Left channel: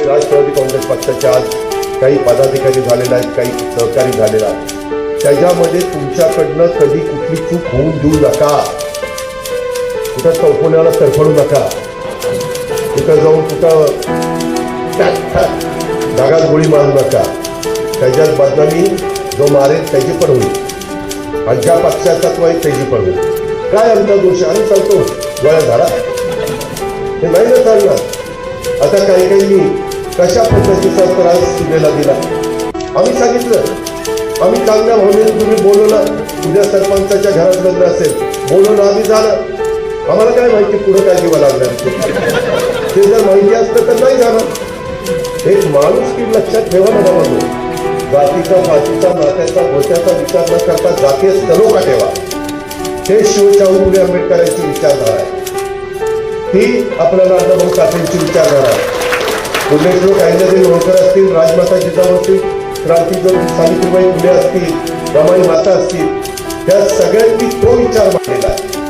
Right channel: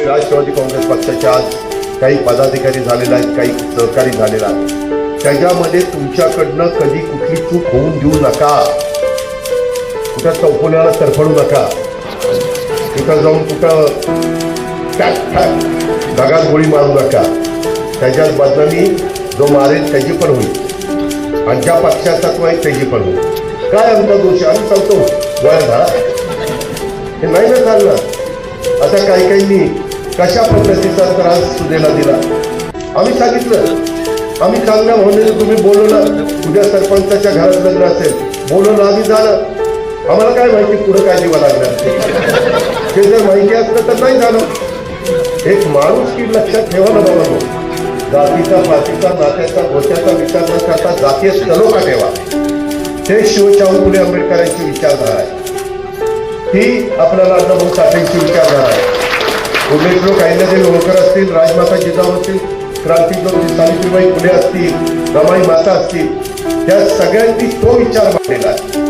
तुम्ही राष्ट्रवादी काँग्रेस पक्षाच्या आज काही पदाधिकारी झालेले आहेत, काही सहकारी झालेले आहेत, त्याच्यामध्ये तुमच्याकडनं कधी कुठली चूक होऊन देऊ नका. कुठं चौकोण्याला तरफडू नका. कुठं जाऊन कुठं धागात गोळी मारू नका. त्याच्यात बदनामी जो मारेल त्याची पण होईल आणि ज्या पक्षाचा तो आहे त्याची पण होईल. काय आमचा दोष आम्ही सांगतो गोळ्या झाला हे नाही ना सांगणार. आता काही काहींनी कशा पद्धतीचा त्रास सुनेला दिला आम्ही सांगितलं. आम्ही चांगल्या भावनेने तुम्ही बोलवलं, तुझ्या सरपंचाच्या घरात लग्न असेल बोलवलं, आम्ही झालं. आम्हाला काय माहिती पुढे काय दिवा लागणार ते जर माहिती असतं तर नाही झालं. एक माणूस की लक्षात ठेवा ना बाबा, जातीचा पातीचा नात्याचा धोक्याचा विचार न करता जातीय सलोखा ठेवा. ते शिवशाहू फुले आंबेडकरांची विचारधारा आहे. ती आपल्याला अण्णाभाऊ साठेंची विचारधारा आहे. पुण्यश्लोक अहिल्यादेवी होळकर असतील, राजमाता जिजाऊ असतील, क्रांतिज्योती सावित्रीबाई फुले असतील, रमाई माता असतील, त्या सगळ्यांनी तो विचार मांडलेला आहे.